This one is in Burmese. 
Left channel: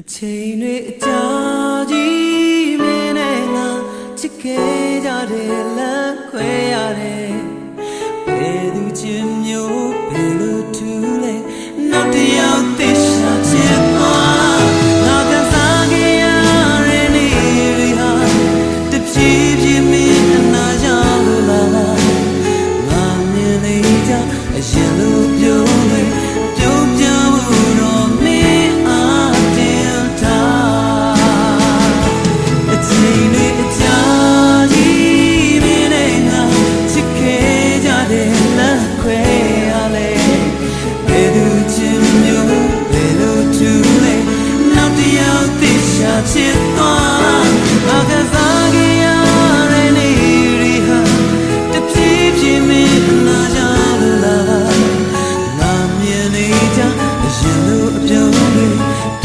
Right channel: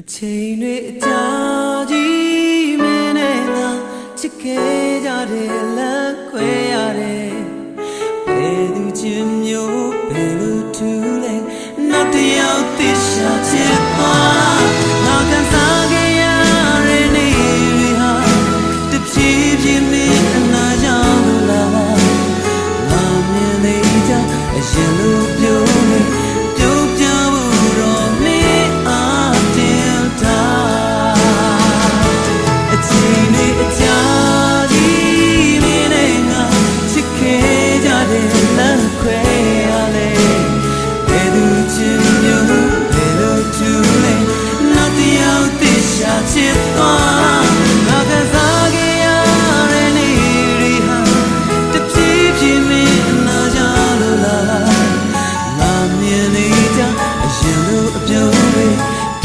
အချိန်တွေအကြာကြီးမင်းနဲ့ငါချစ်ခဲ့ကြတဲ့လမ်းခွဲရတယ်ဘယ်သူချင်မျိုးဘယ်လိုထူလဲနောက်တစ်ယောက်သိရှာချစ်သွားငါခံစားခဲ့ရတဲ့နေ့တွေဟာတဖြည်းဖြည်းမင်းအနာကြောင့်လို့လာမှာငါမြင်နေကြအရင်လိုပြုံးနေပြုံးပြဖို့တော့မင်းအားတင်ထားအချိန်တွေအကြာကြီးမင်းနဲ့ငါချစ်ခဲ့ကြတဲ့လမ်းခွဲရလဲဘယ်သူချင်မျိုးဘယ်လိုထူလဲနောက်တစ်ယောက်သိရှာချစ်သွားငါခံစားခဲ့ရတဲ့နေ့တွေဟာတဖြည်းဖြည်းမင်းအနာကြောင့်လို့လာပါငါမြင်နေကြအရင်လိုအပြုံး